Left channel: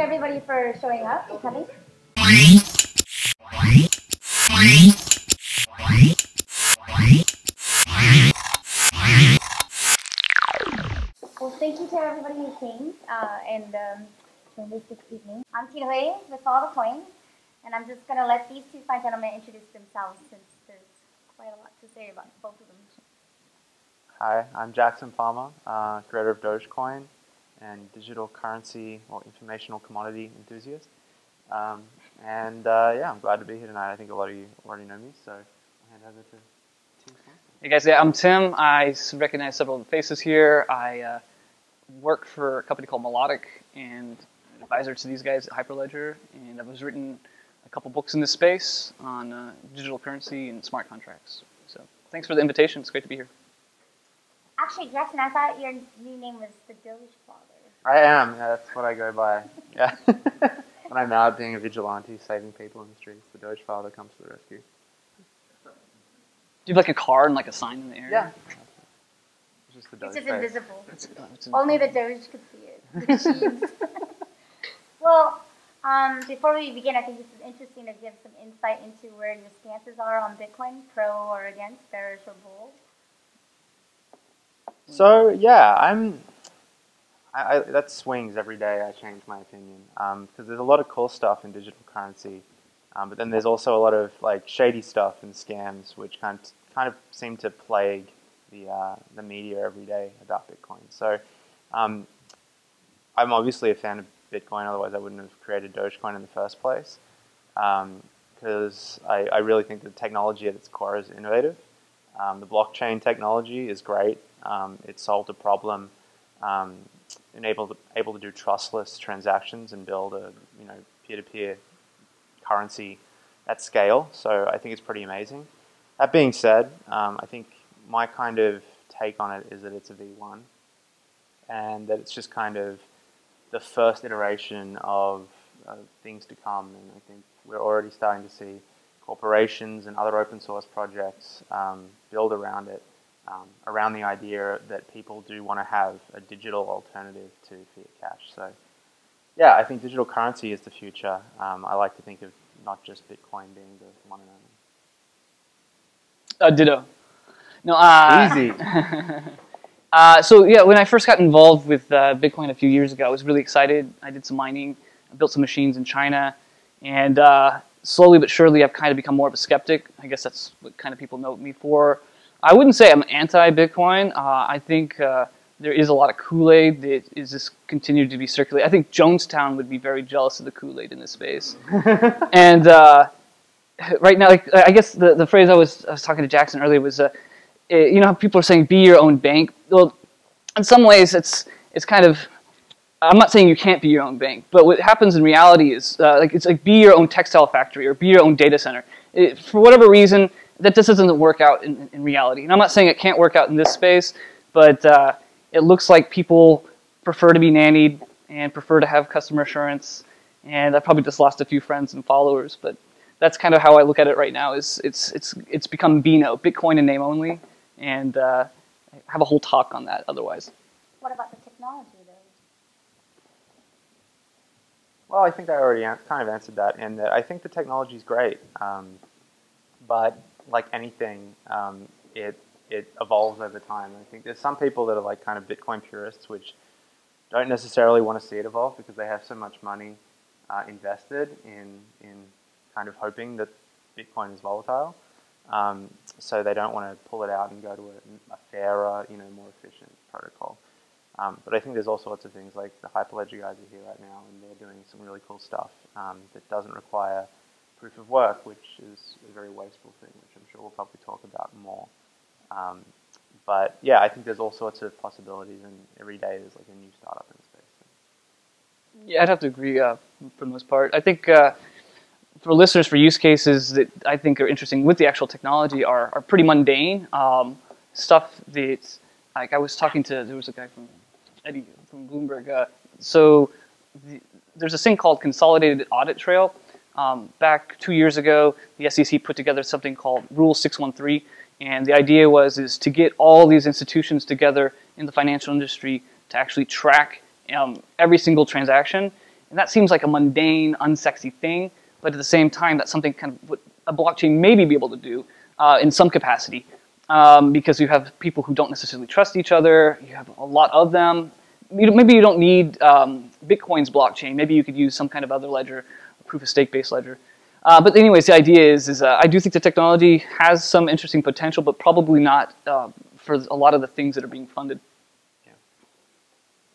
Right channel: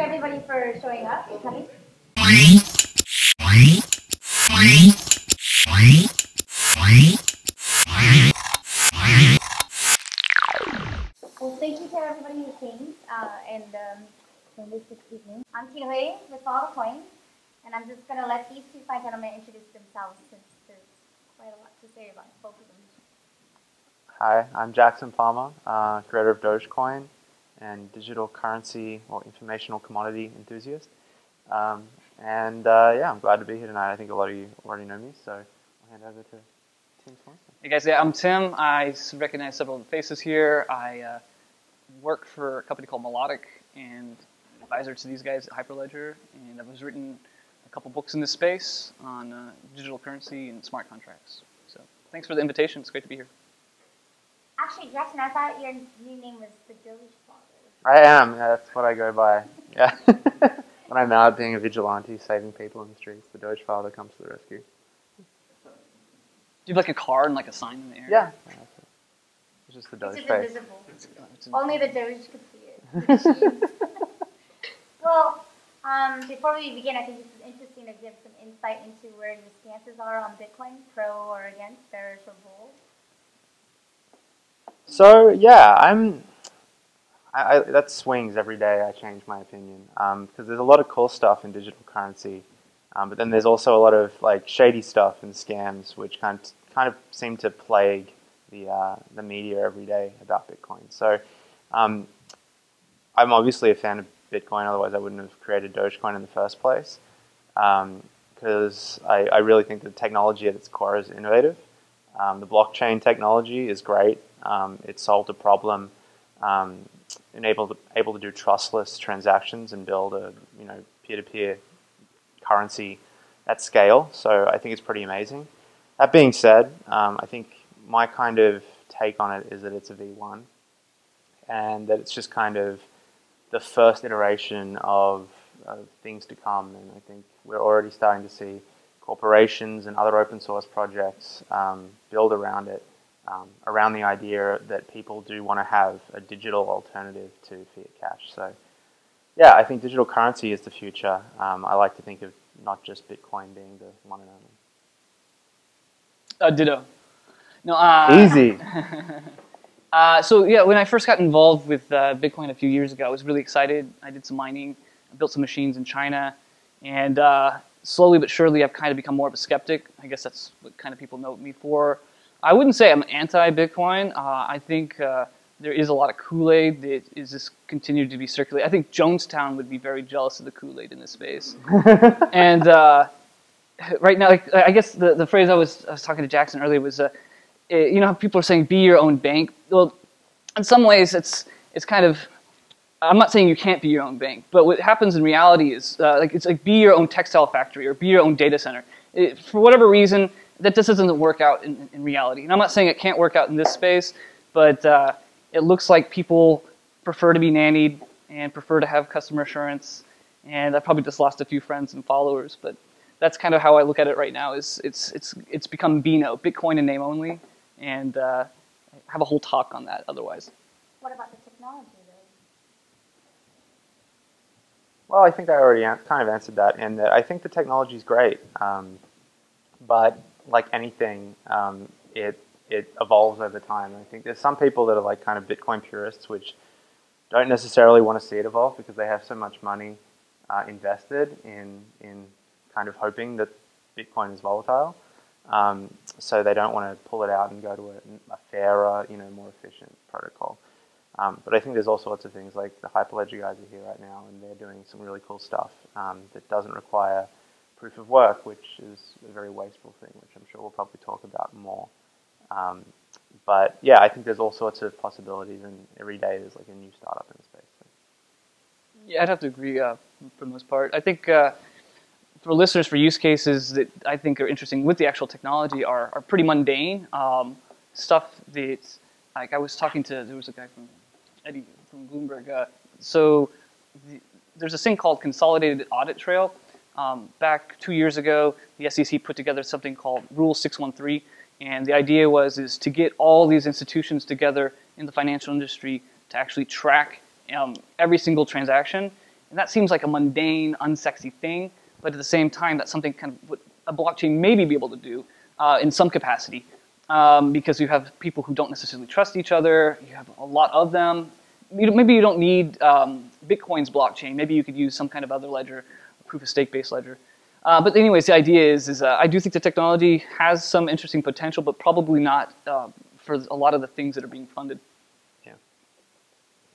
everybody for showing up and coming. Well, thank you to everybody who came and joined us this evening. I'm Tina Hui with Follow the Coin, and I'm just going to let these two fine gentlemen introduce themselves since there's quite a lot to say about both of them. Hi, I'm Jackson Palmer, creator of Dogecoin and digital currency or informational commodity enthusiast. Yeah, I'm glad to be here tonight. I think a lot of you already know me, so I'll hand over to Tim Swanson. Hey guys, yeah, I'm Tim. I recognize several of the faces here. I work for a company called Melodic and an advisor to these guys at Hyperledger, and I've written a couple books in this space on digital currency and smart contracts. So thanks for the invitation. It's great to be here. Actually, Jackson, I thought your new name was the Doge Father. I am. Yeah, that's what I go by. Yeah. When I'm out being a vigilante, saving people in the streets, the Doge Father comes to the rescue. Do you have like a car and like a sign in the area? Yeah. It's just the Doge It's just face. invisible. Only the Doge could see it. Well, before we begin, I think this is interesting to give some insight into where your stances are on Bitcoin, pro or against, bearish or bull. So yeah, that swings every day. I change my opinion because there's a lot of cool stuff in digital currency, but then there's also a lot of like shady stuff and scams which kind of seem to plague the media every day about Bitcoin. So I'm obviously a fan of Bitcoin. Otherwise, I wouldn't have created Dogecoin in the first place because I really think the technology at its core is innovative. The blockchain technology is great. It solved a problem, able to do trustless transactions and build a peer-to-peer currency at scale. So I think it's pretty amazing. That being said, I think my kind of take on it is that it's a V1, and that it's just kind of the first iteration of things to come. And I think we're already starting to see corporations and other open source projects build around it. Around the idea that people do want to have a digital alternative to fiat cash. So yeah, I think digital currency is the future. I like to think of not just Bitcoin being the one and only. Ditto. No, Easy. So yeah, when I first got involved with Bitcoin a few years ago, I was really excited. I did some mining, I built some machines in China, and slowly but surely I've kind of become more of a skeptic. I guess that's what kind of people know me for. I wouldn't say I'm anti-Bitcoin. I think there is a lot of Kool-Aid that is just continued to be circulated. I think Jonestown would be very jealous of the Kool-Aid in this space. And right now, like, I guess the phrase I was talking to Jackson earlier was, you know how people are saying be your own bank? Well, in some ways it's kind of, I'm not saying you can't be your own bank, but what happens in reality is it's like be your own textile factory or be your own data center. For whatever reason, that just doesn't work out in reality. And I'm not saying it can't work out in this space, but it looks like people prefer to be nannied and prefer to have customer assurance. And I probably just lost a few friends and followers, but that's kind of how I look at it right now. It's become Bino, Bitcoin in name only, and I have a whole talk on that otherwise. What about the technology, though? Well, I think I already kind of answered that, and that I think the technology is great, but like anything, it evolves over time. I think there's some people that are like kind of Bitcoin purists, which don't necessarily want to see it evolve because they have so much money invested in kind of hoping that Bitcoin is volatile. So they don't want to pull it out and go to a fairer, more efficient protocol. But I think there's all sorts of things, like the Hyperledger guys are here right now, and they're doing some really cool stuff that doesn't require proof of work, which is a very wasteful thing, which I'm sure we'll probably talk about more. But yeah, I think there's all sorts of possibilities, and every day there's like a new startup in the space. Yeah, I'd have to agree for the most part. I think for listeners, for use cases that I think are interesting with the actual technology are pretty mundane. Stuff that, like I was talking to, there was a guy from Eddie from Bloomberg. There's this thing called Consolidated Audit Trail. Back 2 years ago, the SEC put together something called Rule 613, and the idea is to get all these institutions together in the financial industry to actually track every single transaction And that seems like a mundane, unsexy thing, but at the same time, that's something kind of what a blockchain maybe be able to do in some capacity. Because you have people who don't necessarily trust each other, you have a lot of them. Maybe you don't need Bitcoin's blockchain. Maybe you could use some kind of other ledger, proof of stake-based ledger. But anyways, the idea is I do think the technology has some interesting potential, but probably not for a lot of the things that are being funded. Yeah.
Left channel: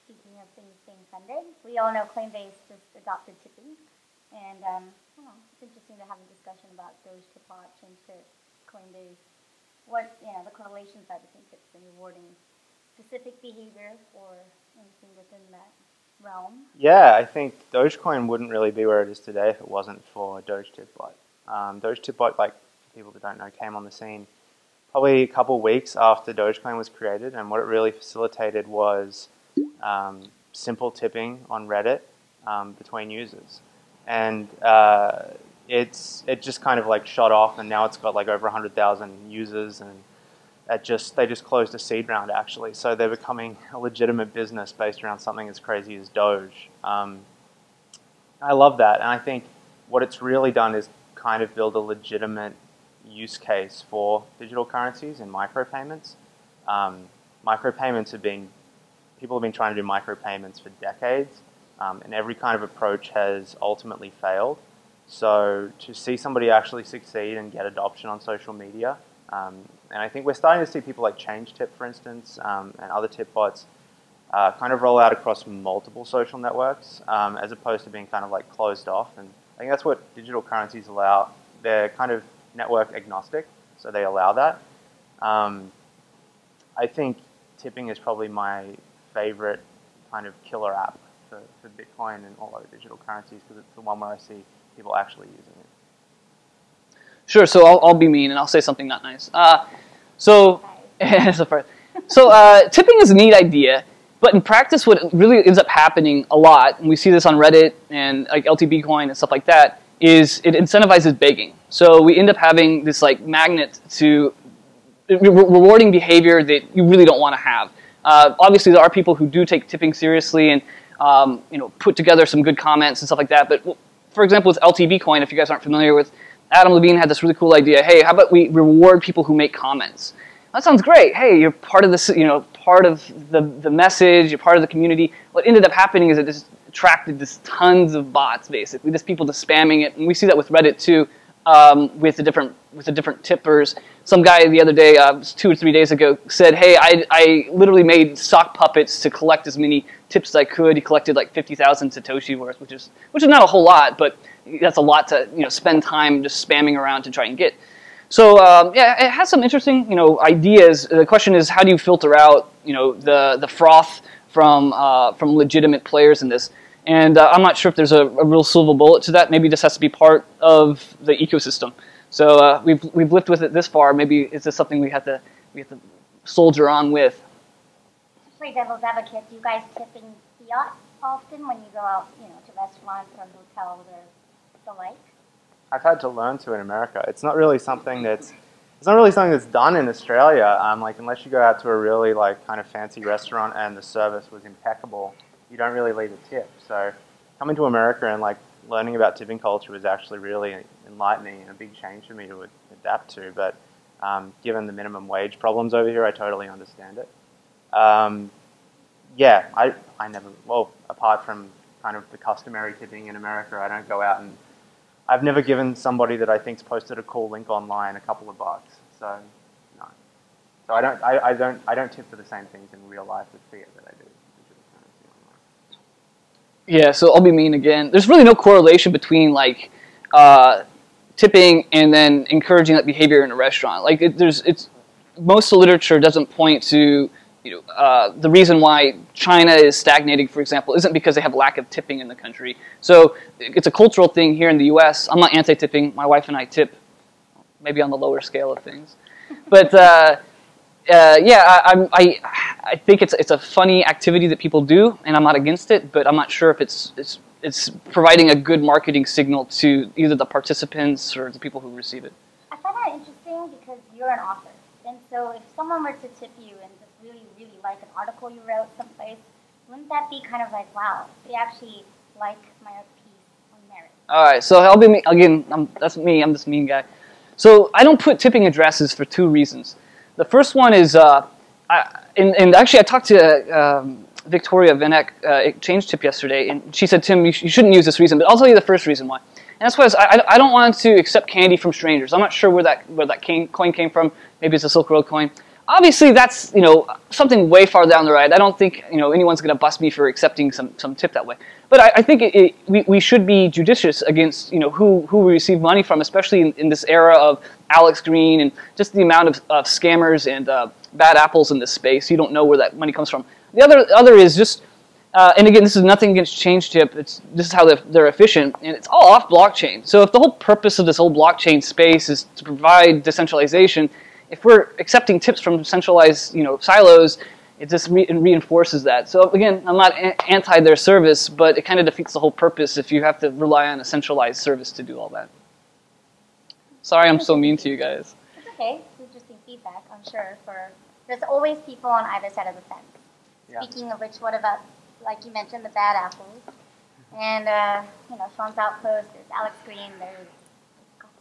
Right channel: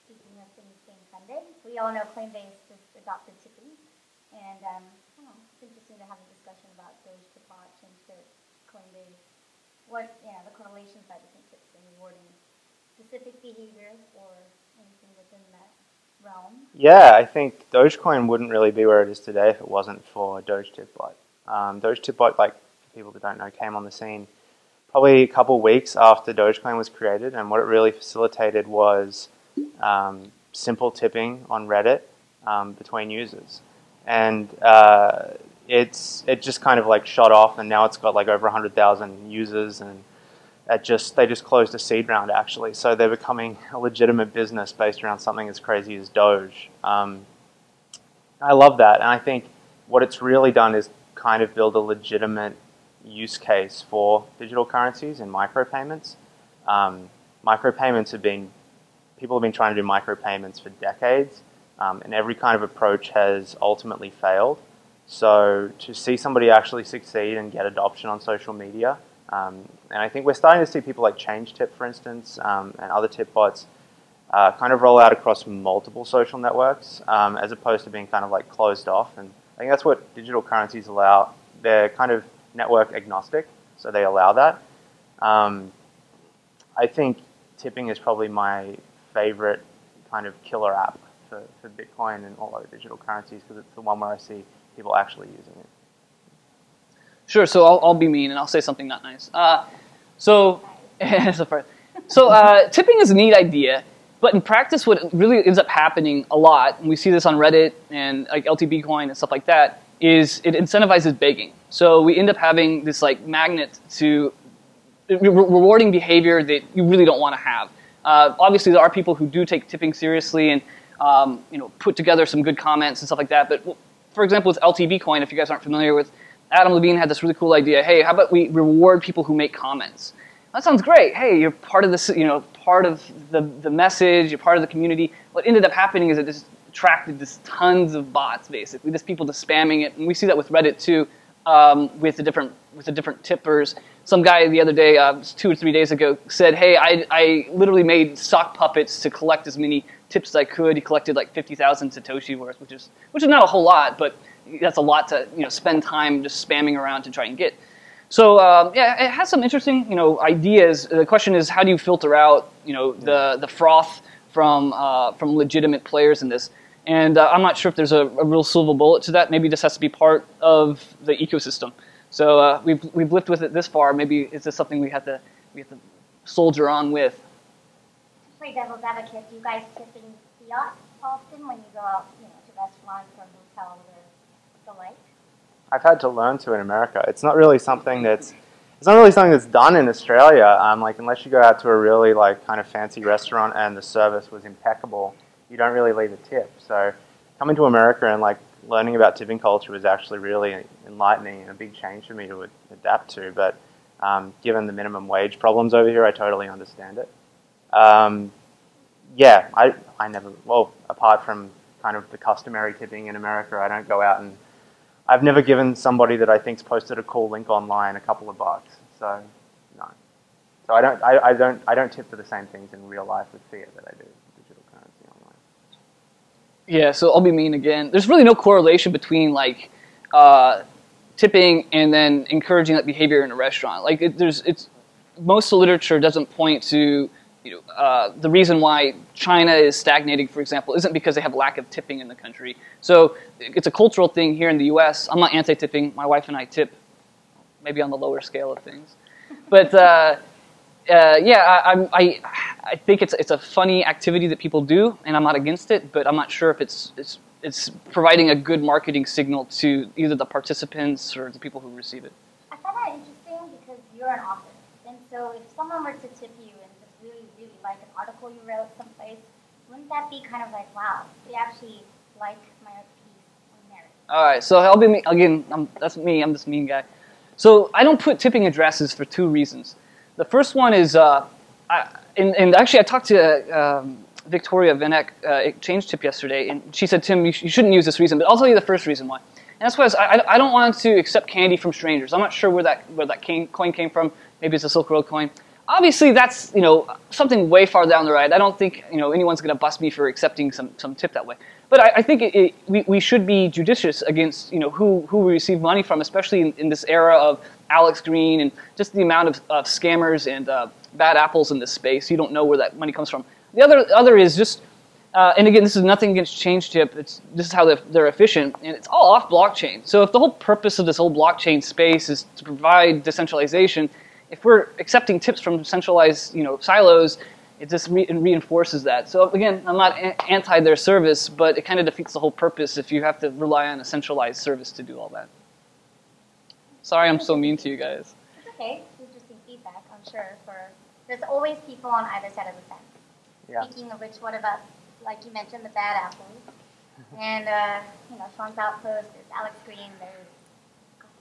Speaking of things being funded, we all know Coinbase just adopted tipping, and I don't know, it's interesting to have a discussion about Doge to bot, change to Coinbase. What the correlations are between tips and rewarding specific behavior or anything within that realm? Yeah, I think Dogecoin wouldn't really be where it is today if it wasn't for Doge Tipbot. Doge Tipbot, like for people that don't know, came on the scene probably a couple weeks after Dogecoin was created, and what it really facilitated was simple tipping on Reddit between users. And it just kind of like shot off, and now it's got like over 100,000 users, and they just closed a seed round actually, so they're becoming a legitimate business based around something as crazy as Doge. I love that, and I think what it's really done is kind of build a legitimate use case for digital currencies and micropayments. Micropayments people have been trying to do micropayments for decades, and every kind of approach has ultimately failed. So to see somebody actually succeed and get adoption on social media, and I think we're starting to see people like ChangeTip, for instance, and other tip bots kind of roll out across multiple social networks, as opposed to being kind of like closed off. And I think that's what digital currencies allow. They're kind of network agnostic, so they allow that. I think tipping is probably my favorite kind of killer app for Bitcoin and all other digital currencies, because it's the one where I see people actually using it. Sure, so I'll be mean and I'll say something not nice. Tipping is a neat idea, but in practice what really ends up happening a lot, and we see this on Reddit and like LTBcoin and stuff like that, is it incentivizes begging. So we end up having this like magnet to rewarding behavior that you really don't want to have. Obviously there are people who do take tipping seriously and put together some good comments and stuff like that, but for example, with LTBcoin, if you guys aren't familiar with, Adam Levine had this really cool idea. Hey, how about we reward people who make comments? That sounds great. Hey, you're part of this, part of the message. You're part of the community. What ended up happening is it just attracted this tons of bots, basically, just people just spamming it. And we see that with Reddit too, with the different tippers. Some guy the other day, 2 or 3 days ago, said, "Hey, I literally made sock puppets to collect as many tips as I could." He collected like 50,000 Satoshi worth, which is not a whole lot, but that's a lot to spend time just spamming around to try and get. So yeah, it has some interesting ideas. The question is, how do you filter out the froth from legitimate players in this? And I'm not sure if there's a real silver bullet to that. Maybe this has to be part of the ecosystem. So we've lived with it this far. Maybe is this something we have to soldier on with? Play devil's advocate. Do you guys tip in fiat often when you go out, to restaurants or hotels or the like? I've had to learn to in America. It's not really something that's done in Australia. Like unless you go out to a really like kind of fancy restaurant and the service was impeccable, you don't really leave a tip. So coming to America and like learning about tipping culture was actually really enlightening and a big change for me to adapt to. But given the minimum wage problems over here, I totally understand it. Yeah, I never, well, apart from kind of the customary tipping in America, I don't go out and I've never given somebody that I think's posted a cool link online a couple of bucks. So no. So I don't tip for the same things in real life with fiat that I do with digital currency online. Yeah, so I'll be mean again. There's really no correlation between like tipping and then encouraging that behavior in a restaurant. Like most of the literature doesn't point to the reason why China is stagnating, for example, isn't because they have lack of tipping in the country. So it's a cultural thing here in the U.S. I'm not anti-tipping. My wife and I tip, maybe on the lower scale of things. But yeah, I think it's a funny activity that people do, and I'm not against it. But I'm not sure if it's providing a good marketing signal to either the participants or the people who receive it. I find that interesting because you're an author, and so if someone were to tip you and really like an article you wrote someplace, wouldn't that be kind of like, wow, they actually like, merit, peace, or merit? All right, so I'll be again. That's me. I'm this mean guy. So I don't put tipping addresses for two reasons. The first one is, and actually I talked to Victoria Vanek Exchange Tip yesterday, and she said, Tim, you shouldn't use this reason, but I'll tell you the first reason why. And that's why I don't want to accept candy from strangers. I'm not sure where that coin came from. Maybe it's a Silk Road coin. Obviously, that's something way far down the road. I don't think anyone's going to bust me for accepting some tip that way. But I think we should be judicious against who we receive money from, especially in this era of Alex Green and just the amount of scammers and bad apples in this space. You don't know where that money comes from. The other is just, and again, this is nothing against ChangeTip. This is how they're efficient, and it's all off blockchain. So if the whole purpose of this whole blockchain space is to provide decentralization, if we're accepting tips from centralized silos, it just reinforces that. So again, I'm not anti their service, but it kind of defeats the whole purpose if you have to rely on a centralized service to do all that. Sorry I'm so mean to you guys. It's okay. It's interesting feedback, I'm sure. There's always people on either side of the fence. Yeah. Speaking of which, what about, like you mentioned, the bad apples? And, Sean's Outpost, there's Alex Green, there's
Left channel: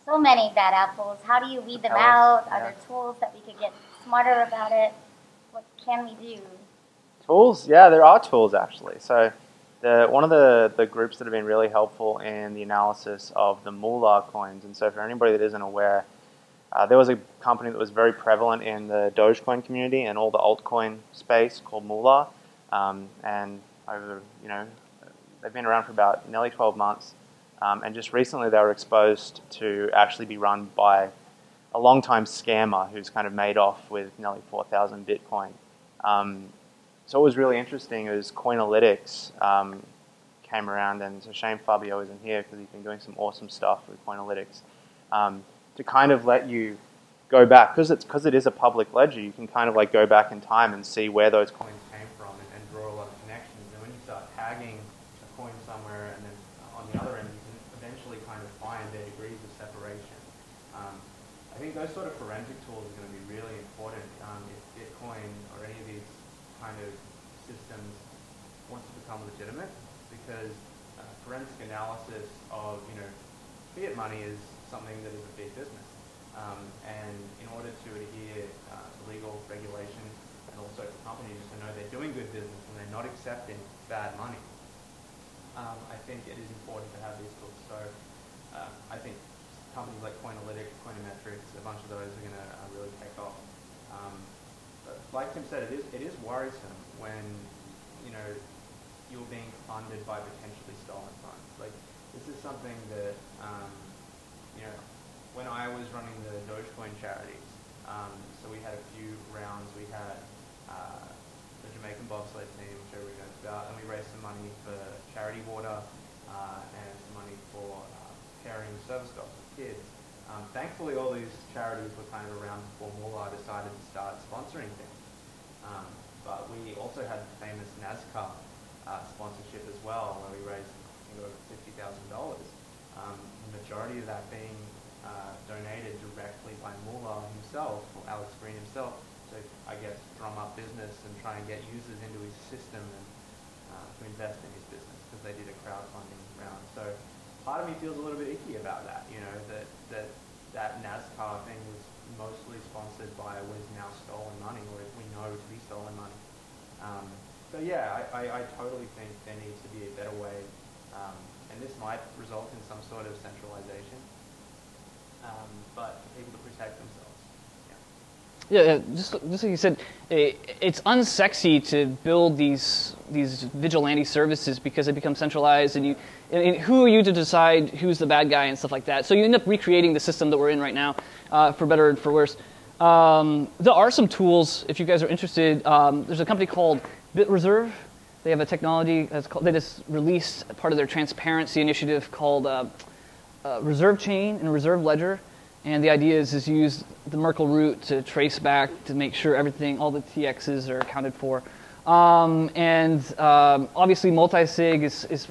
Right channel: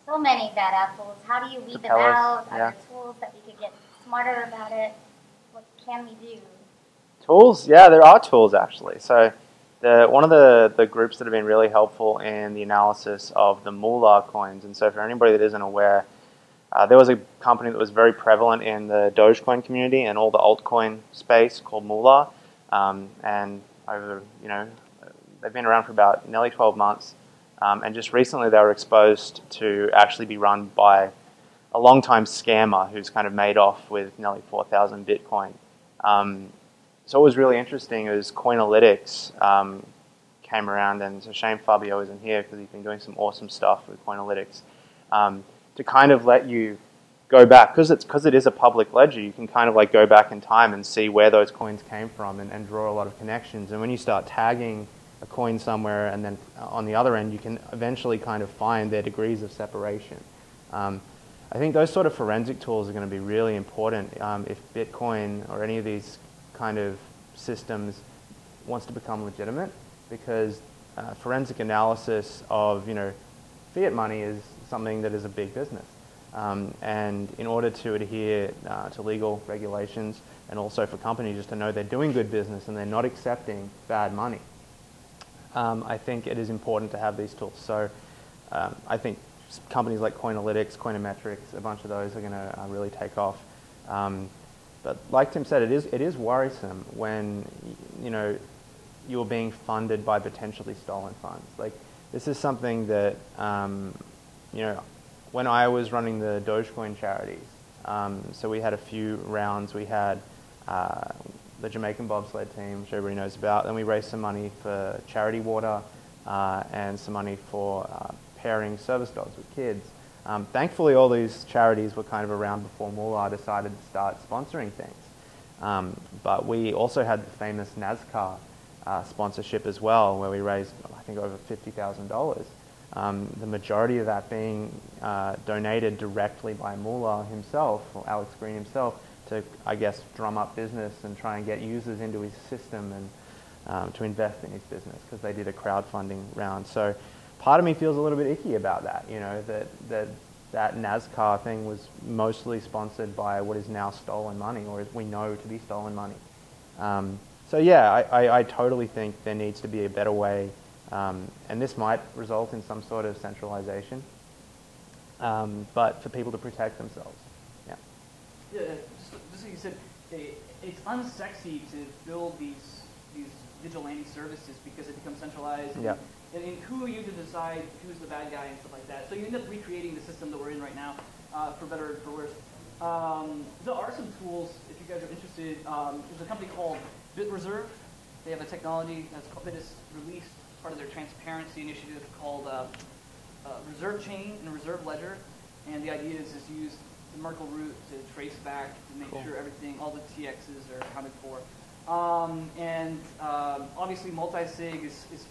so many bad apples. How do you weed them out? Are there tools that we could get smarter about it? What can we do? Tools? Yeah, there are tools actually. So one of the groups that have been really helpful in the analysis of the Moolah coins, and so for anybody that isn't aware, there was a company that was very prevalent in the Dogecoin community and all the altcoin space called Moolah, and over they've been around for about nearly 12 months. And just recently they were exposed to actually be run by a long-time scammer who's kind of made off with nearly 4,000 Bitcoin. So what was really interesting is Coinalytics came around, and it's a shame Fabio isn't here because he's been doing some awesome stuff with Coinalytics, to kind of let you go back, because it is a public ledger, you can kind of like go back in time and see where those coins came from and draw a lot of connections. And when you start tagging a coin somewhere, and then on the other end you can eventually kind of find their degrees of separation. I think those sort of forensic tools are going to be really important if Bitcoin or any of these kind of systems wants to become legitimate, because forensic analysis of fiat money is something that is a big business, and in order to adhere to legal regulations, and also for companies just to know they're doing good business and they're not accepting bad money, I think it is important to have these tools. So I think companies like Coinalytics, Coinometrics, a bunch of those are going to really take off. But like Tim said, it is worrisome when you're being funded by potentially stolen funds. Like, this is something that when I was running the Dogecoin charities, so we had a few rounds. We had the Jamaican bobsled team, which everybody knows about. Then we raised some money for charity water and some money for pairing service dogs with kids. Thankfully, all these charities were kind of around before Moolah decided to start sponsoring things. But we also had the famous NASCAR sponsorship as well, where we raised, I think, over $50,000. The majority of that being donated directly by Moolah himself, or Alex Green himself, to, I guess, drum up business and try and get users into his system and to invest in his business, because they did a crowdfunding round. So part of me feels a little bit icky about that, that NASCAR thing was mostly sponsored by what is now stolen money, or as we know to be stolen money. So yeah, I totally think there needs to be a better way, and this might result in some sort of centralization, but for people to protect themselves. Yeah, just like you said, it's unsexy to build these vigilante services because they become centralized, and and who are you to decide who's the bad guy and stuff like that? So you end up recreating the system that we're in right now, for better and for worse. There are some tools, if you guys are interested. There's a company called BitReserve. They have a technology they just released part of their transparency initiative called Reserve Chain and Reserve Ledger. And the idea is use the Merkle root to trace back to make sure everything, all the TXs are accounted for. Obviously multi-sig is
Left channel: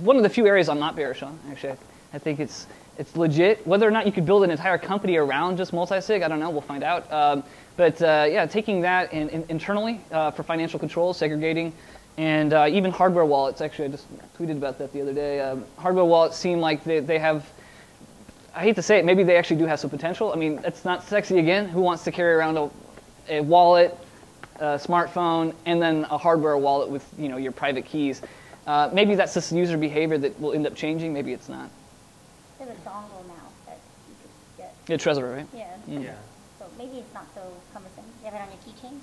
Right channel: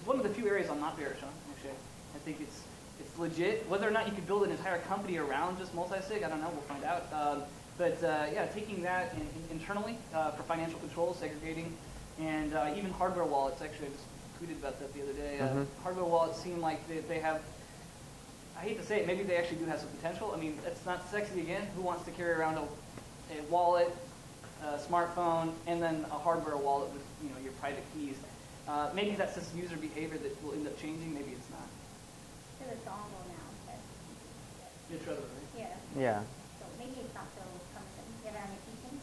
one of the few areas I'm not bearish on, actually. I think it's legit. Whether or not you could build an entire company around just multi-sig, I don't know, we'll find out. Yeah, taking that internally for financial control, segregating And even hardware wallets, actually, I just tweeted about that the other day. Hardware wallets seem like they have, I hate to say it, maybe they actually do have some potential. I mean, it's not sexy again. Who wants to carry around a wallet, a smartphone, and then a hardware wallet with your private keys? Maybe that's just user behavior that will end up changing. Maybe it's not. There's a dongle now that you just get. Yeah, Trezor, right? Yeah. Yeah. So maybe it's not so cumbersome. You have it on your keychain.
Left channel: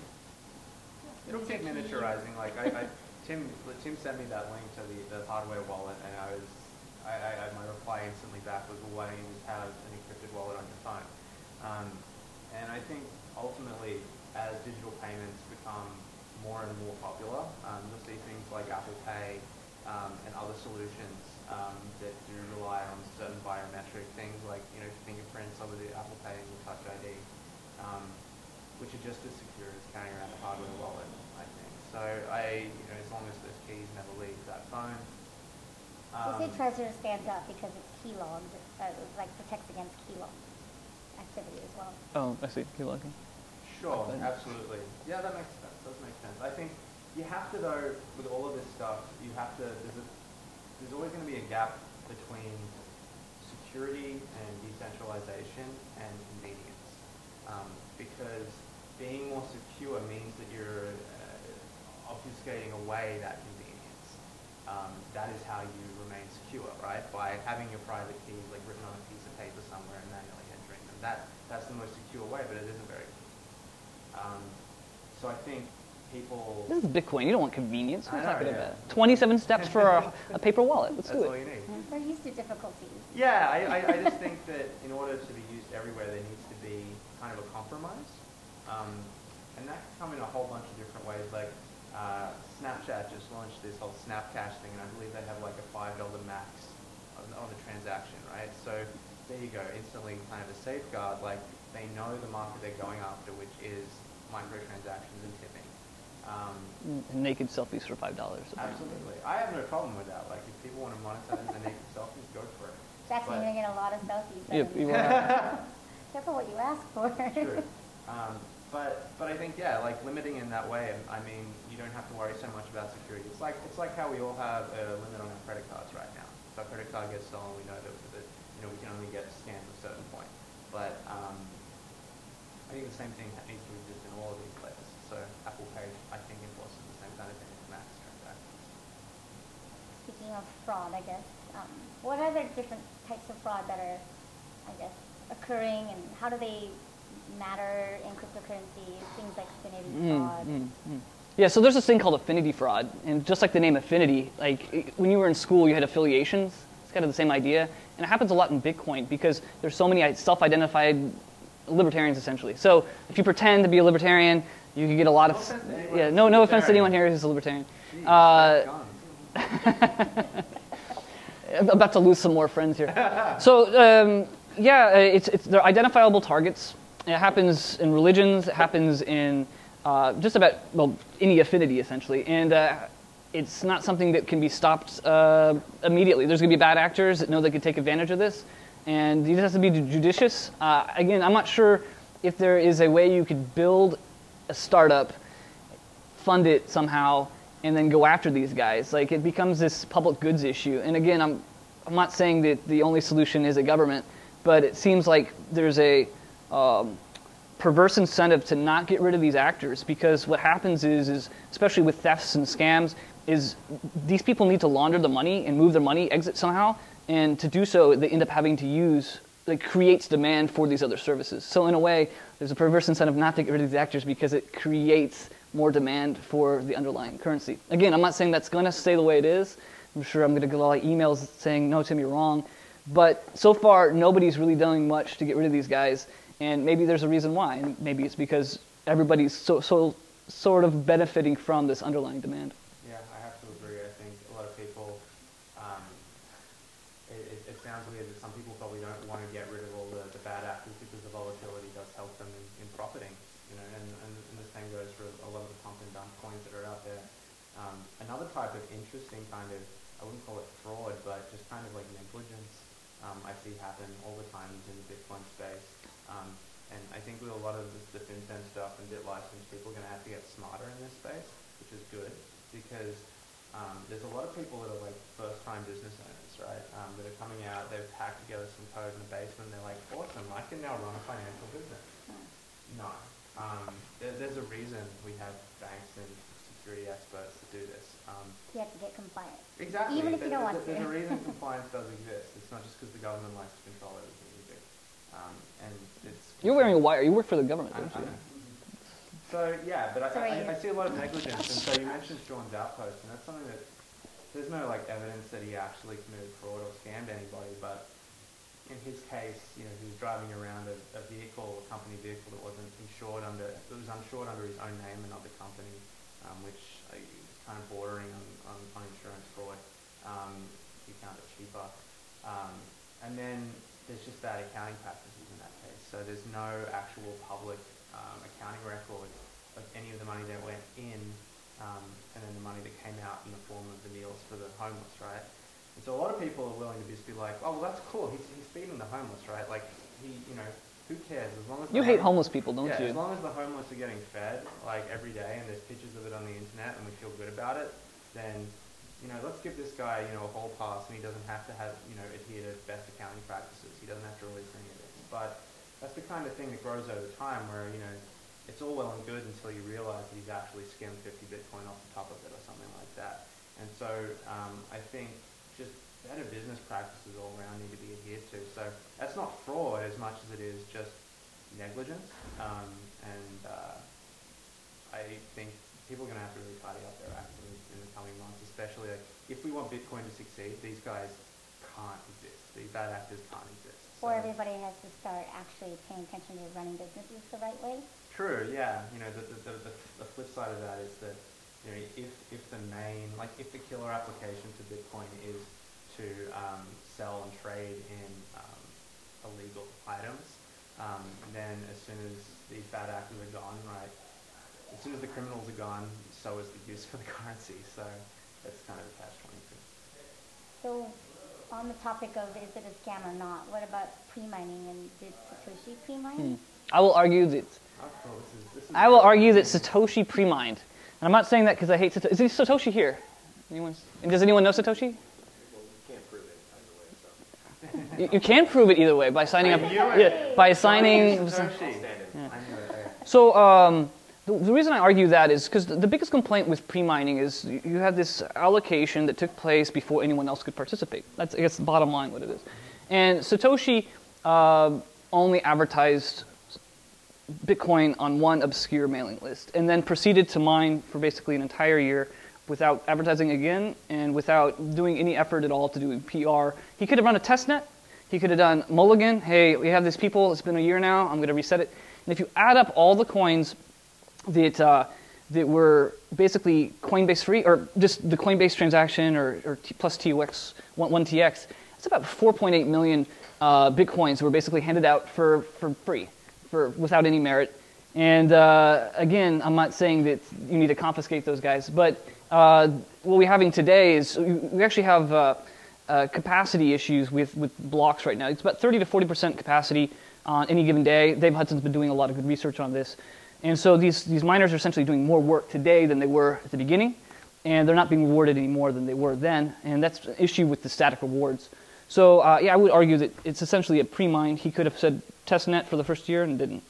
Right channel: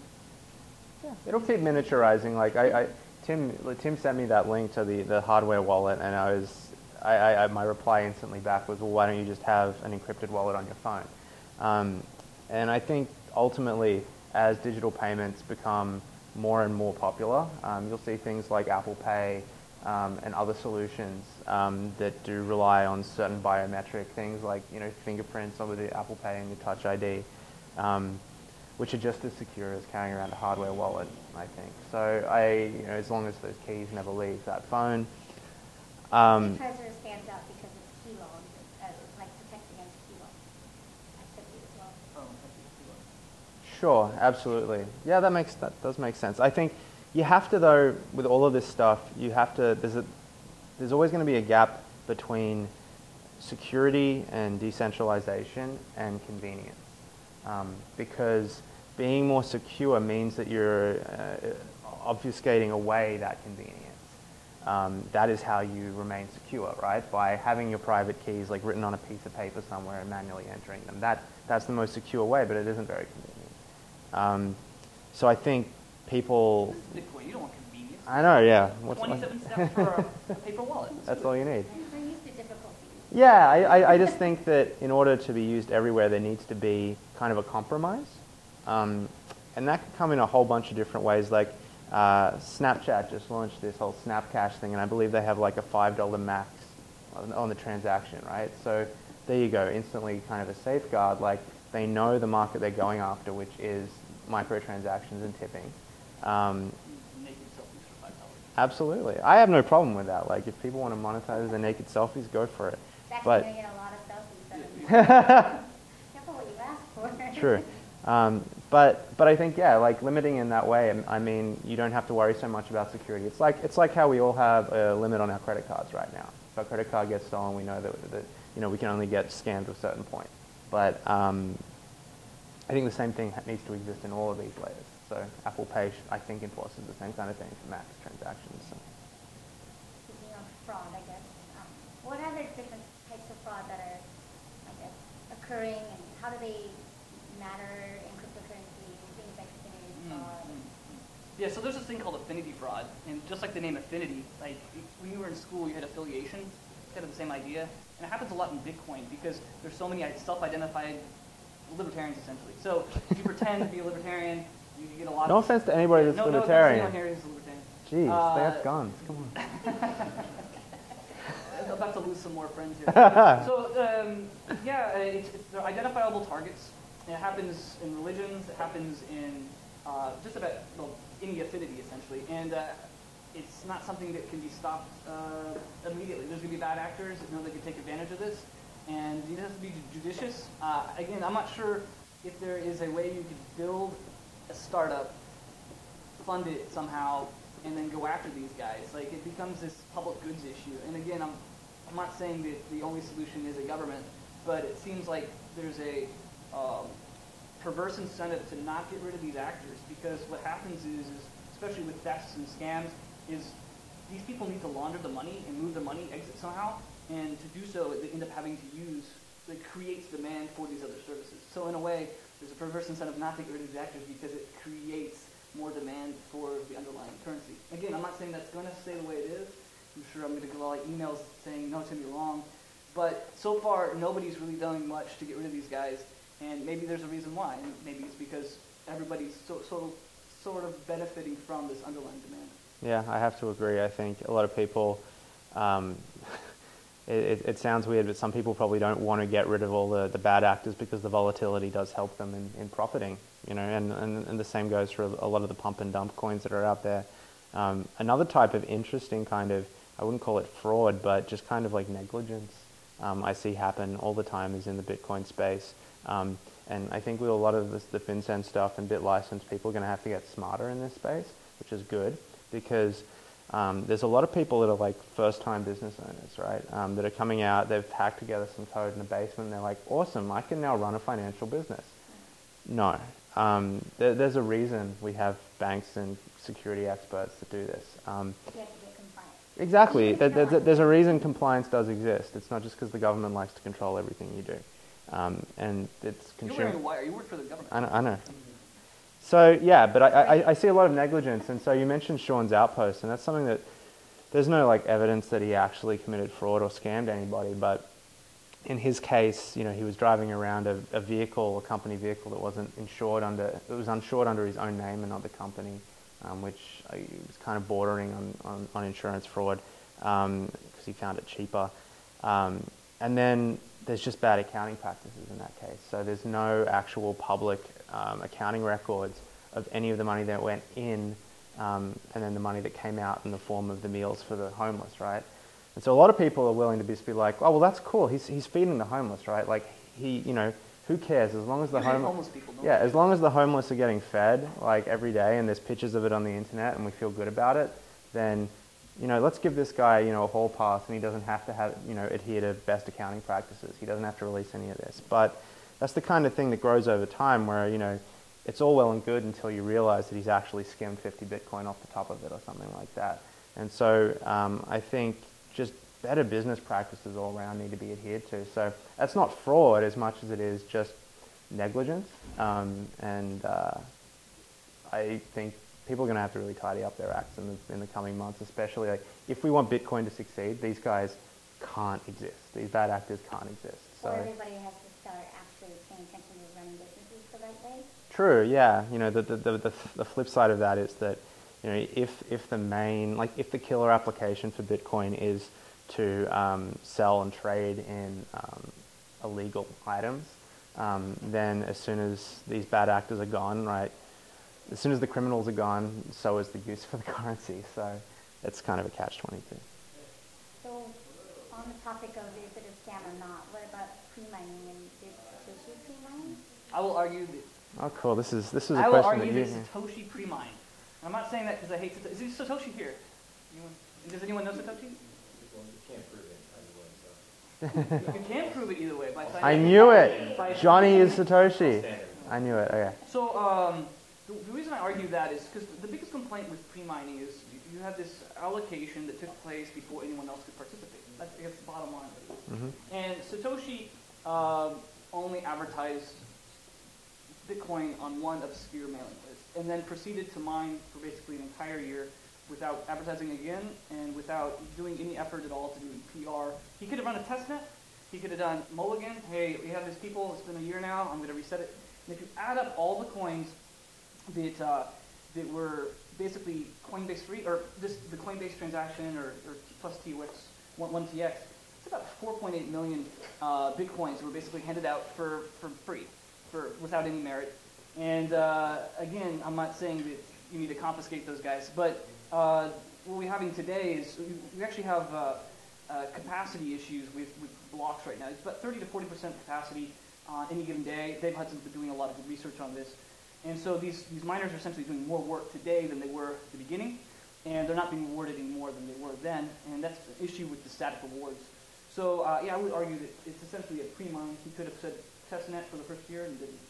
It'll keep miniaturizing. Like Tim sent me that link to the hardware wallet, and my reply instantly back was, well, why don't you just have an encrypted wallet on your phone? And I think ultimately, as digital payments become more and more popular, you'll see things like Apple Pay and other solutions that do rely on certain biometric things like fingerprints over the Apple Pay and the Touch ID. Which are just as secure as carrying around a hardware wallet, I think. So as long as those keys never leave that phone. Trezor stands out because it's key logged. It like protects against key lock activity as well. Oh, I see. Key logging. Sure, absolutely. Yeah, that does make sense. I think you have to, though, with all of this stuff, you have to. There's always going to be a gap between security and decentralization and convenience, because being more secure means that you're obfuscating away that convenience. That is how you remain secure, right? By having your private keys like written on a piece of paper somewhere and manually entering them. That's the most secure way, but it isn't very convenient. So I think people... This is Bitcoin. You don't want convenience. I know, yeah. 27 steps for a paper wallet. That's all you need. They're used to difficulties. Yeah, I just think that in order to be used everywhere, there needs to be kind of a compromise. And that can come in a whole bunch of different ways. Like Snapchat just launched this whole Snapcash thing, and I believe they have like a $5 max on the transaction, right? So there you go, instantly kind of a safeguard. Like they know the market they're going after, which is microtransactions and tipping. Naked selfies for $5. Absolutely. I have no problem with that. Like if people want to monetize their naked selfies, go for it. Jackson's But going to get a lot of selfies. Yep, Careful what you ask for. True. But I think, yeah, like limiting in that way, I mean, you don't have to worry so much about security. It's like how we all have a limit on our credit cards right now. If our credit card gets stolen, we know that we can only get scanned to a certain point. But I think the same thing needs to exist in all of these layers. So Apple Pay, I think, enforces the same kind of thing for max transactions. So. Speaking of fraud, I guess, what other different types of fraud that are, I guess, occurring, and how do they matter in cryptocurrency? Things like affinity fraud. Yeah, so there's this thing called affinity fraud, and just like the name affinity, like when you were in school, you had affiliations. It's kind of the same idea, and it happens a lot in Bitcoin because there's so many self-identified libertarians essentially. So if you pretend to be a libertarian, you can get a lot of. No offense to anybody. Yeah, no offense to anyone here who's a libertarian. Jeez, that's gone. I'm about to lose some more friends here. So yeah, they're identifiable targets. It happens in religions. It happens in just about any affinity essentially, and it's not something that can be stopped immediately. There's going to be bad actors that know they could take advantage of this, and you just have to be judicious. Again, I'm not sure if there is a way you could build a startup, fund it somehow, and then go after these guys. Like it becomes this public goods issue. And again, I'm not saying that the only solution is a government, but it seems like there's a perverse incentive to not get rid of these actors, because what happens is especially with thefts and scams, is these people need to launder the money and move their money, exit somehow, and to do so, they end up having to use, like creates demand for these other services. So in a way, there's a perverse incentive not to get rid of these actors because it creates more demand for the underlying currency. Again, I'm not saying that's going to stay the way it is. I'm sure I'm going to get a lot of emails saying, no, Tim, you're wrong. But so far, nobody's really doing much to get rid of these guys. And maybe there's a reason why. And maybe it's because everybody's so sort of benefiting from this underlying demand. Yeah, I have to agree. I think a lot of people, it sounds weird, but some people probably don't want to get rid of all the bad actors because the volatility does help them in profiting. And the same goes for a lot of the pump and dump coins that are out there. Another type of interesting kind of, I wouldn't call it fraud, but just kind of like negligence I see happen all the time is in the Bitcoin space. And I think with a lot of the FinCEN stuff and BitLicense, people are going to have to get smarter in this space, which is good. because there's a lot of people that are like first-time business owners, right? That are coming out, they've hacked together some code in the basement, and they're like, awesome, I can now run a financial business. No. There's a reason we have banks and security experts that do this. You have to get compliant. Exactly. There's a reason compliance does exist. It's not just because the government likes to control everything you do. And it's You're wearing a wire. You work for the government. I know. So yeah, but I see a lot of negligence. And so you mentioned Sean's outpost, and that's something that there's no like evidence that he actually committed fraud or scammed anybody. But in his case, you know, he was driving around a vehicle, a company vehicle that wasn't insured under. It was insured under his own name and not the company, which was kind of bordering on insurance fraud because he found it cheaper. And then there's just bad accounting practices in that case. So there's no actual public accounting records of any of the money that went in and then the money that came out in the form of the meals for the homeless, right? And so a lot of people are willing to just be like, oh, well, that's cool. He's feeding the homeless, right? Like, you know, who cares? As long as you hate homeless people, don't you? Yeah, as long as the homeless are getting fed, like, every day, and there's pictures of it on the internet, and we feel good about it, then, you know, let's give this guy, you know, a hall pass, and he doesn't have to have, you know, adhere to best accounting practices. He doesn't have to release any of this. But that's the kind of thing that grows over time where, you know, it's all well and good until you realize that he's actually skimmed 50 Bitcoin off the top of it or something like that. And so I think just better business practices all around need to be adhered to. So that's not fraud as much as it is just negligence. And I think people are going to have to really tidy up their acts in the coming months, especially like, if we want Bitcoin to succeed, these guys can't exist. These bad actors can't exist. So. Or everybody has to start actually paying attention to running businesses the right way. True, yeah. You know, the flip side of that is that, you know, if the main, like, if the killer application for Bitcoin is to sell and trade in illegal items, then as soon as these bad actors are gone, right, as soon as the criminals are gone, so is the use for the currency. So it's kind of a catch-22. So on the topic of is it a scam or not, what about pre-mining, and did Satoshi pre-mine? I will argue that. Oh, cool. This is. I will argue that Satoshi pre-mined. And I'm not saying that because I hate Satoshi. Is Satoshi here? And does anyone know Satoshi? You can prove it either way by signing up. I knew it. By signing Satoshi. Yeah. I knew it. Okay. So the reason I argue that is because the biggest complaint with pre-mining is you have this allocation that took place before anyone else could participate. That's, I guess, the bottom line what it is. And Satoshi only advertised Bitcoin on one obscure mailing list and then proceeded to mine for basically an entire year without advertising again and without doing any effort at all to do PR. He could have run a testnet. He could have done mulligan. Hey, we have these people. It's been a year now. I'm going to reset it. And if you add up all the coins that were basically Coinbase free, or just the Coinbase transaction, or plus TUX, 1TX, it's about 4.8 million Bitcoins that were basically handed out for free, without any merit. And again, I'm not saying that you need to confiscate those guys, but what we're having today is we actually have capacity issues with blocks right now. It's about 30 to 40% capacity on any given day. Dave Hudson's been doing a lot of good research on this. And so these miners are essentially doing more work today than they were at the beginning, and they're not being rewarded any more than they were then, and that's an issue with the static rewards. So yeah, I would argue that it's essentially a pre-mine. He could have said testnet for the first year and didn't.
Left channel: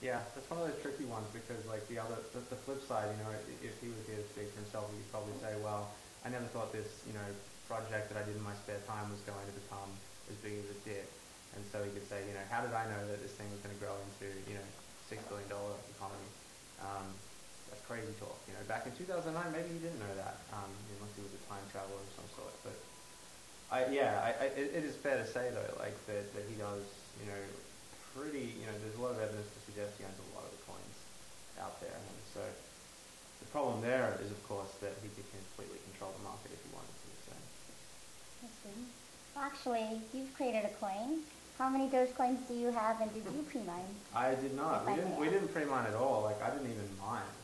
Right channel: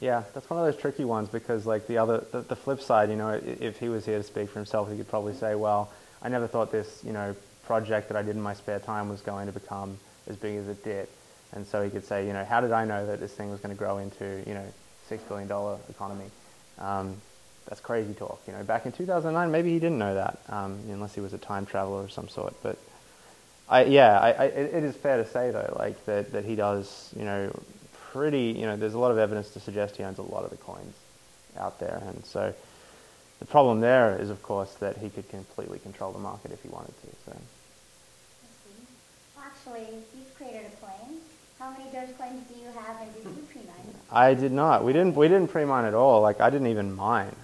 Yeah, that's one of those tricky ones because, like, the flip side, you know, if he was here to speak for himself, he could probably say, well, I never thought this, you know, project that I did in my spare time was going to become as big as it did. And so he could say, you know, how did I know that this thing was going to grow into, you know, $6 billion economy? That's crazy talk. You know, back in 2009, maybe he didn't know that, unless he was a time traveler of some sort. But it is fair to say though, like that he does, you know, there's a lot of evidence to suggest he owns a lot of the coins out there, and so the problem there is, of course, that he could completely control the market if he wanted to. So. Well, actually, you've created a coin. How many Dogecoins do you have, and did you pre-mine? I did not. We didn't pre-mine at all. Like, I didn't even mine,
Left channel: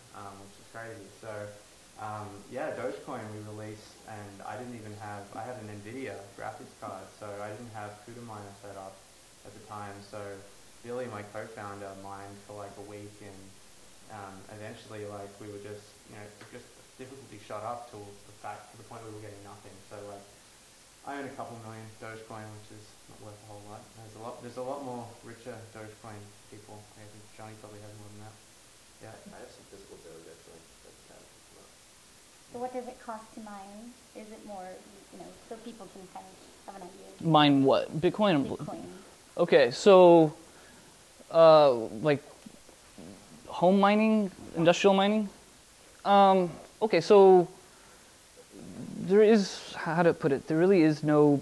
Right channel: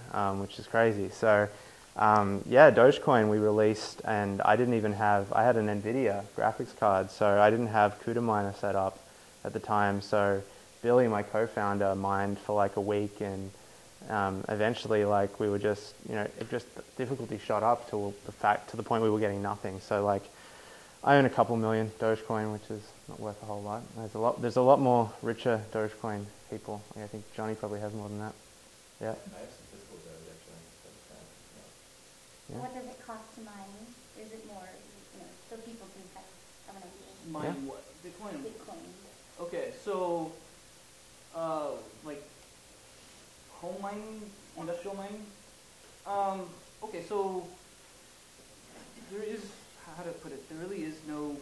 which is crazy. So, yeah, Dogecoin we released, and I didn't even have. I had an NVIDIA graphics card, so I didn't have CUDA miner set up at the time. So, Billy, my co-founder, mined for like a week, and eventually, like, we were just, just difficulty shot up to the point we were getting nothing. So, like, I own a couple million Dogecoin, which is not worth a whole lot. There's a lot more richer Dogecoin people. Like, I think Johnny probably has more than that. Yeah. I have some physical Doge actually. But, So what does it cost to mine? Is it more, so people can kind of have an idea? Mine what? Bitcoin? Bitcoin. Okay, so like home mining, industrial mining. Okay, so there is, how to put it, there really is no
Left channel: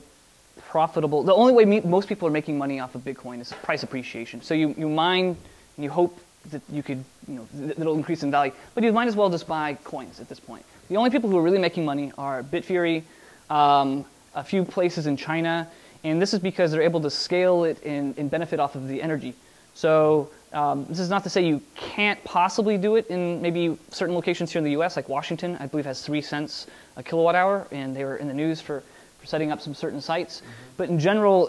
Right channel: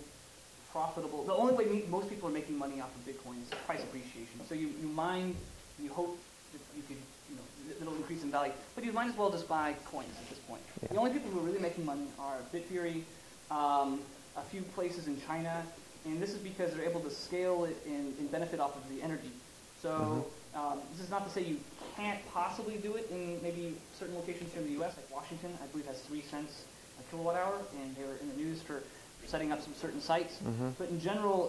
profitable, the only way most people are making money off of Bitcoin is price appreciation. So you mine and you hope that you could, that it'll increase in value, but you might as well just buy coins at this point. The only people who are really making money are Bitfury, a few places in China, and this is because they're able to scale it and benefit off of the energy. So this is not to say you can't possibly do it in maybe certain locations here in the US, like Washington, I believe has 3 cents a kilowatt hour, and they were in the news for setting up some certain sites. But in general,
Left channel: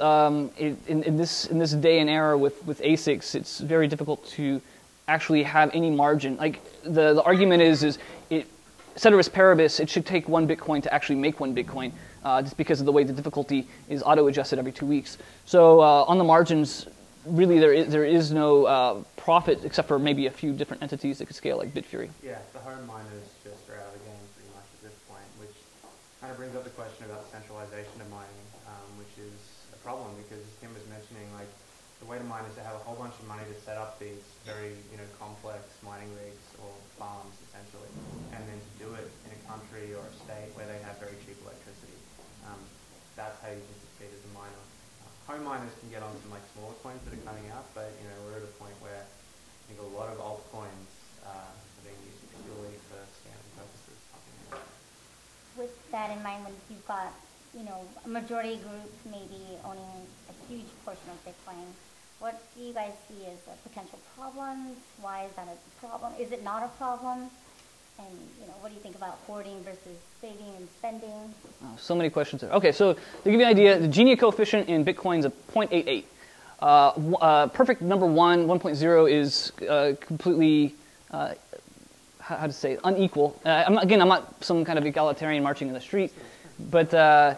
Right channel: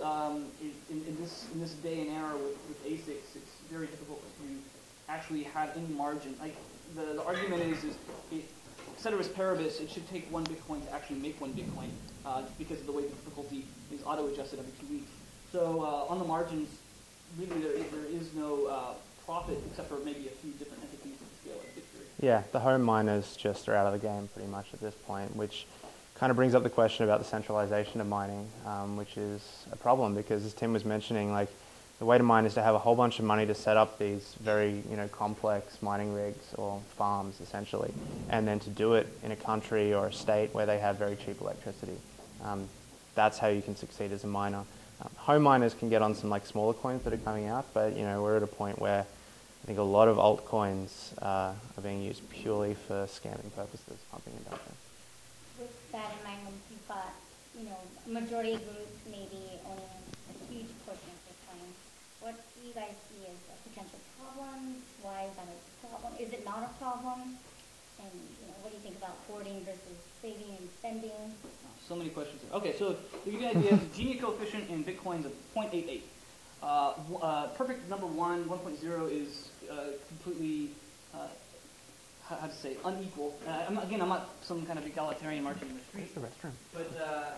in this day and era with ASICs, it's very difficult to actually have any margin. Like the argument is ceteris paribus, it should take 1 Bitcoin to actually make 1 Bitcoin, just because of the way the difficulty is auto-adjusted every 2 weeks. So on the margins, really there is no profit except for maybe a few different entities that could scale, like Bitfury. Yeah, the home miners just are out of the game pretty much at this point, which kind of brings up the question about the centralization of mining, which is a problem because, as Tim was mentioning, like, the way to mine is to have a whole bunch of money to set up these very, complex mining rigs or farms, essentially, and then to do it in a country or a state where they have very cheap electricity. That's how you can succeed as a miner. Home miners can get on some smaller coins that are coming out, but we're at a point where I think a lot of altcoins are being used purely for scamming purposes, pumping and dumping. With that in mind, when you've got a majority group maybe owning a huge portion of Bitcoin, what do you guys see as potential problems? Why is that a problem? Is it not a problem? And what do you think about hoarding versus saving and spending? Oh, so many questions there. Okay, so to give you an idea, the Gini coefficient in Bitcoin is a 0.88. Perfect number 1.0 is completely, how to say, unequal. I'm not some kind of egalitarian marching in the street, but a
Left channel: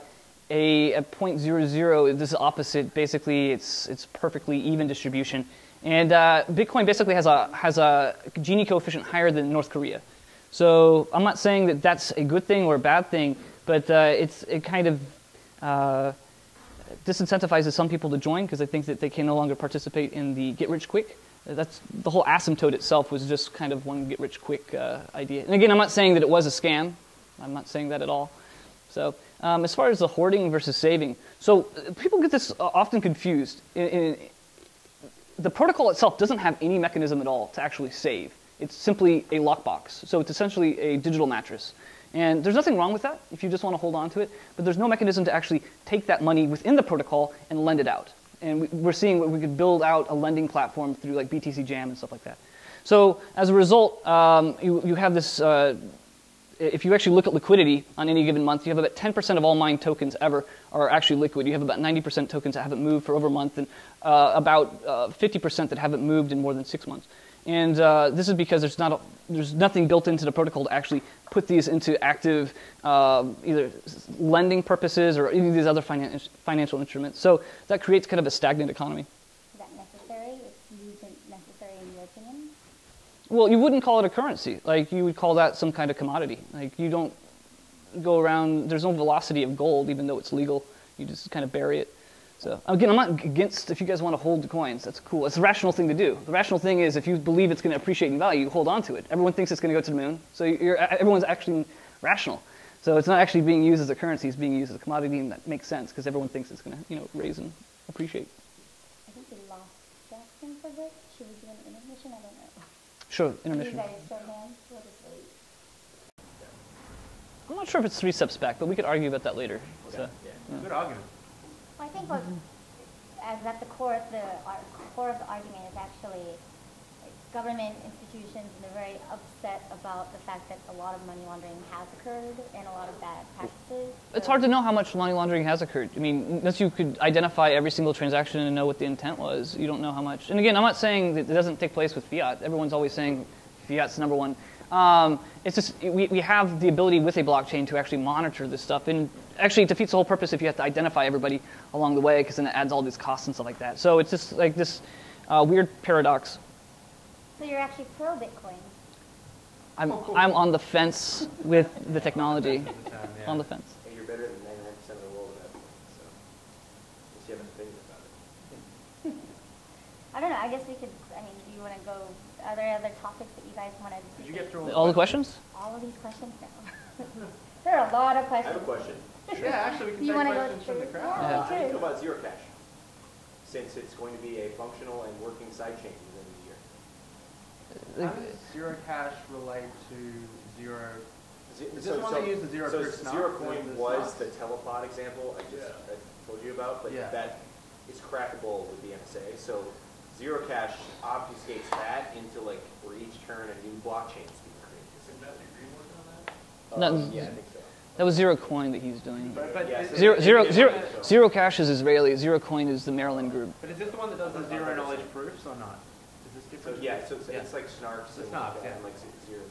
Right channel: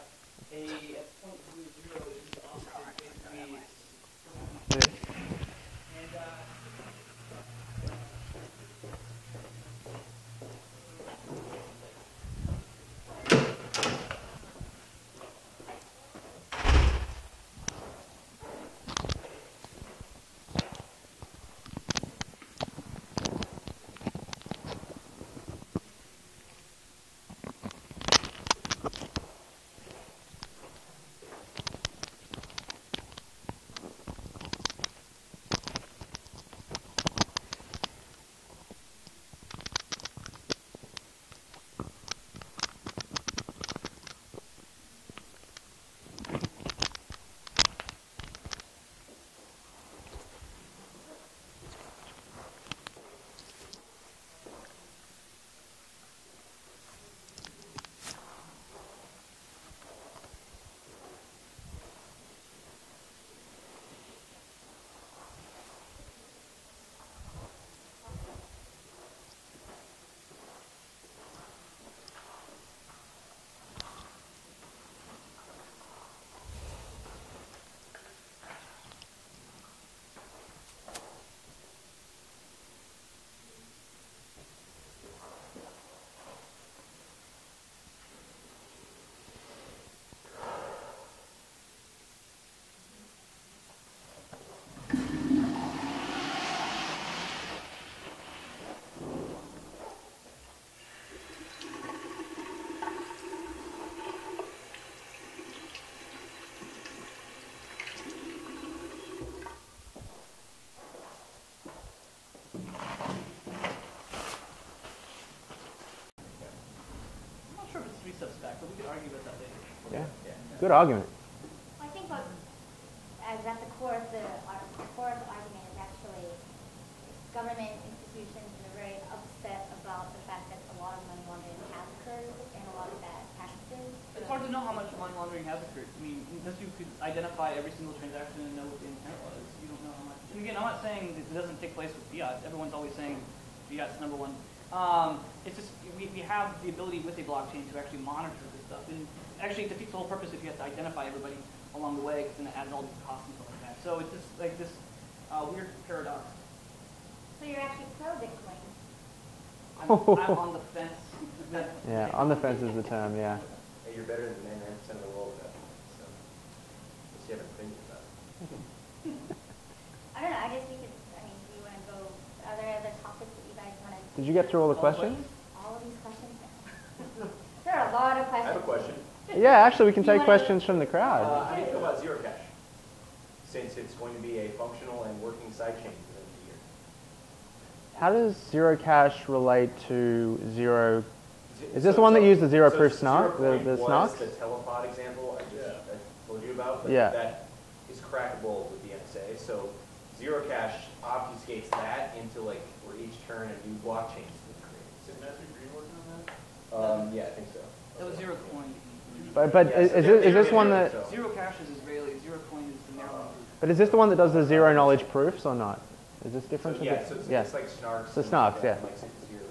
0.00, this is opposite. Basically, it's perfectly even distribution. And Bitcoin basically has a Gini coefficient higher than North Korea. So I'm not saying that that's a good thing or a bad thing, but it kind of disincentivizes some people to join because they think that they can no longer participate in the get-rich-quick. That's the whole asymptote itself was just kind of one get-rich-quick idea. And again, I'm not saying that it was a scam. I'm not saying that at all. So as far as the hoarding versus saving, so people get this often confused. The protocol itself doesn't have any mechanism at all to actually save. It's simply a lockbox. So it's essentially a digital mattress. And there's nothing wrong with that if you just want to hold on to it, but there's no mechanism to actually take that money within the protocol and lend it out. And we're seeing we could build out a lending platform through like BTC Jam and stuff like that. So as a result, you have this, if you actually look at liquidity on any given month, you have about 10% of all mined tokens ever are actually liquid. You have about 90% tokens that haven't moved for over a month, and about 50% that haven't moved in more than 6 months. And this is because there's nothing built into the protocol to actually put these into active either lending purposes or any of these other financial instruments. So that creates kind of a stagnant economy. Is that necessary? Isn't necessary in your opinion? Well, you wouldn't call it a currency. Like, you would call that some kind of commodity. Like, you don't go around, there's no velocity of gold, even though it's legal. You just kind of bury it. So again, I'm not against if you guys want to hold the coins. That's cool. It's a rational thing to do. The rational thing is if you believe it's going to appreciate in value, hold on to it. Everyone thinks it's going to go to the moon, so everyone's actually rational. So it's not actually being used as a currency; it's being used as a commodity, and that makes sense because everyone thinks it's going to raise and appreciate. Sure. Intermission. I'm not sure if it's 3 steps back, but we could argue about that later. Yeah. Good argument. I think as at the core of the argument is actually government institutions, and they're very upset about the fact that a lot of money laundering has occurred and a lot of bad practices. It's hard to know how much money laundering has occurred. I mean, unless you could identify every single transaction and know what the intent was, you don't know how much. And again, I'm not saying that it doesn't take place with fiat. Everyone's always saying Yeah, it's number one. It's just we have the ability with a blockchain to actually monitor this stuff, and actually it defeats the whole purpose if you have to identify everybody along the way, because then it adds all these costs and stuff like that. So it's just like this weird paradox. So you're actually pro Bitcoin. I'm on the fence with the technology. On the fence is the term, yeah. On the fence. Hey, you're better than 99% of the world at that point, so just you have an opinion about it. I don't know. I guess we could. I mean, do you want to go? Are there other topics that you guys want to? Did you get through All the questions? All of these questions now. There are a lot of I questions. have a question. Yeah, actually, we can You take wanna- questions from the crowd. How do you feel about zero cash? Since it's going to be a functional and working sidechain within the year. How does zero cash relate to zero? Is this So- the one that so- used the zero so proof snark? Zero The point was snark? the telepod example I told you about, but Yeah. that is crackable with the NSA. So zero cash obfuscates that into like for each turn a new blockchain is being created. No. Yeah, I think so. That was Zero Coin that he's doing. But Yeah, is, so Zero, is zero, this one zero, that, zero Cash is Israeli. Zero Coin is the Maryland group. but is this the one that does the zero knowledge proofs or not? Is this So different? yeah, from so this? it's, Yeah. it's like snarks. So and snarks, yeah. Like zero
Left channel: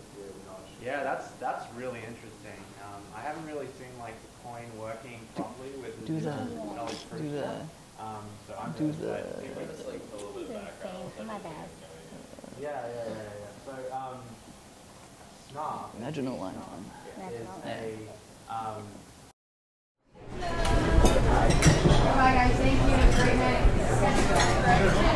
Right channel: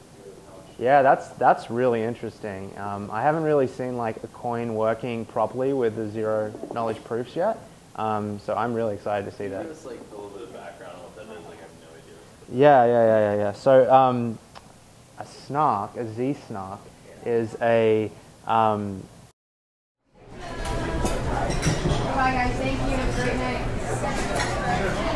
knowledge. Yeah, that's really interesting. I haven't really seen like a coin working properly with the zero knowledge proofs yet. So I'm really excited to see that. Just like a little bit of background. Yeah. So a snark, a Z snark, is a Bye guys, thank you. Have a great night.